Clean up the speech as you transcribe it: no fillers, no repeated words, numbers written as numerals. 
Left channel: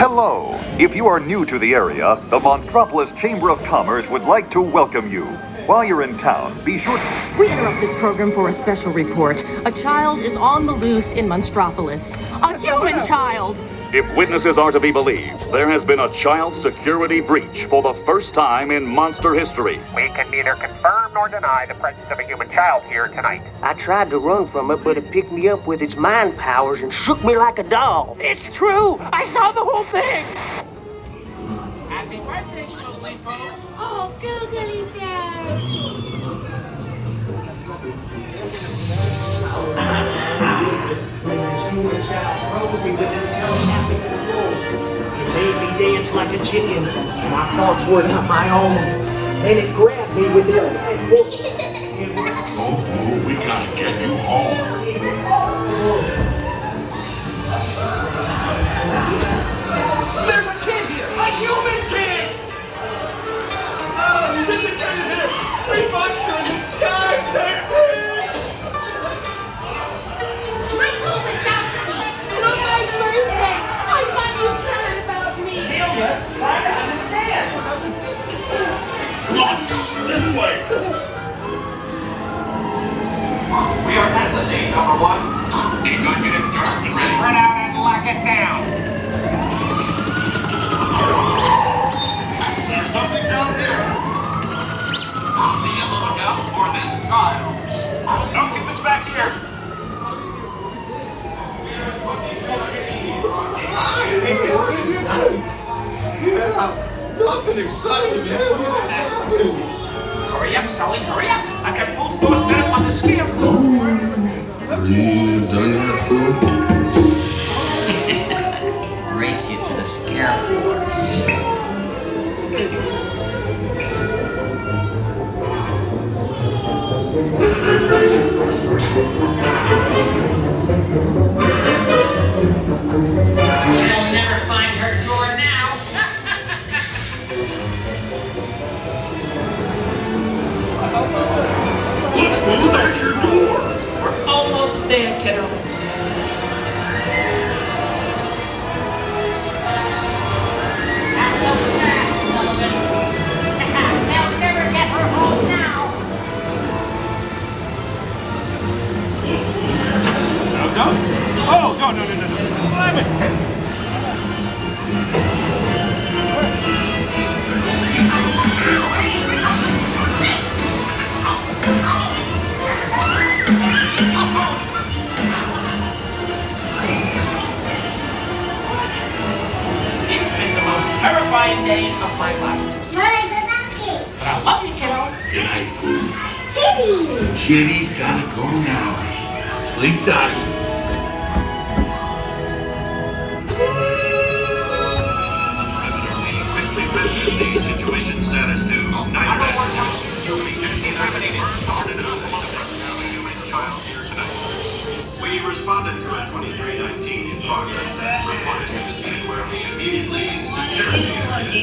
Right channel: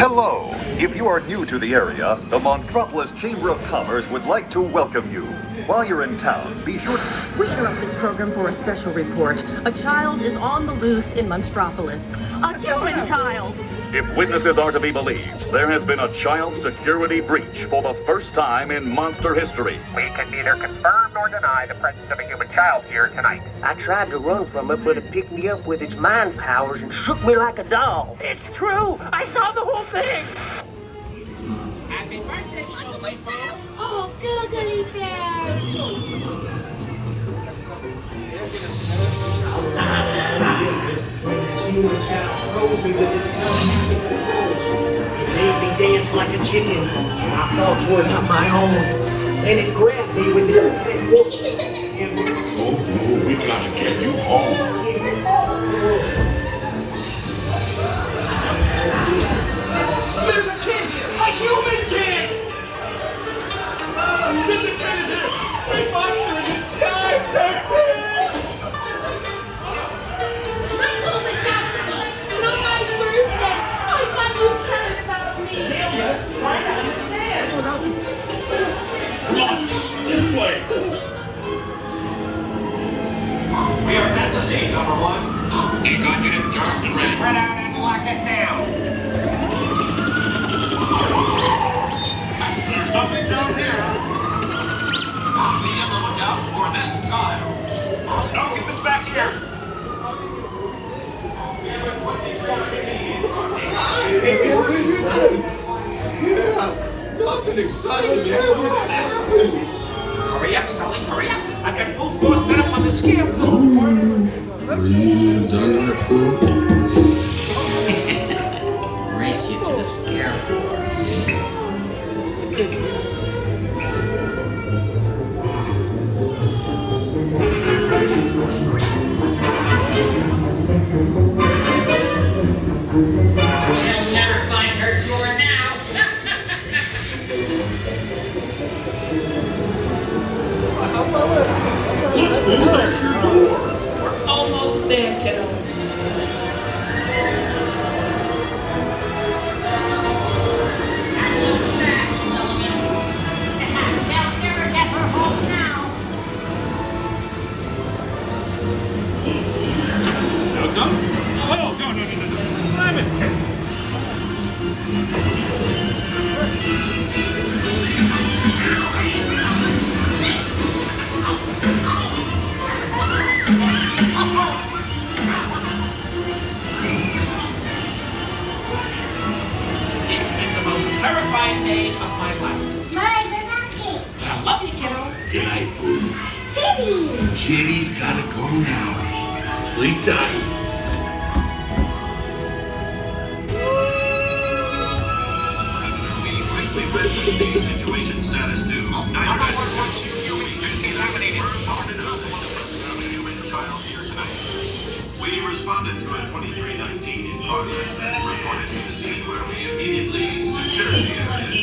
Hello. If you are new to the area, the Monstropolis Chamber of Commerce would like to welcome you. While you're in town, be sure to... We interrupt this program for a special report. A child is on the loose in Monstropolis. A human child! If witnesses are to be believed, there has been a child security breach for the first time in monster history. We can neither confirm nor deny the presence of a human child here tonight. I tried to run from it, but it picked me up with its mind powers and shook me like a doll. It's true! I saw the whole thing! Happy birthday, Sulley, folks! Oh, googly bear! Froze me with its telepathic control. It made me dance like a chicken, and I thoughts were not my own. And it grabbed me with its right hook. Oh, boo, we gotta get you home. There's a kid here! A human kid! Oh, there's a kid here! Sweet monster in the sky, sir! Michael Wazowski! On my birthday! I thought you cared about me! Celia, try to understand. Come on, this way. We are at the scene, number one. You got me to dirt and Spread out and lock it down. There's nothing down here. Be on the lookout for this child. Don't get this back here! Nice! Yeah! Nothing exciting ever happens! Hurry up, Sulley, hurry up. I've got both doors set up on the scare floor. Are you done that, fool? Race you to the scare floor. I'll never find her door now. Look, boo, there's your door. We're almost there, kiddo. Not so fast, Sullivan. They'll never get her home now. Now go? Oh, no. Simon! It's been the most terrifying day of my life. But I love you, kiddo. Good night, boo. Kitty's gotta go now. Sleep tight. Quickly read the situation status to 9 We can neither confirm nor deny the presence of a human child here tonight. We responded to a 2319 in progress that reported to the scene where we immediately security.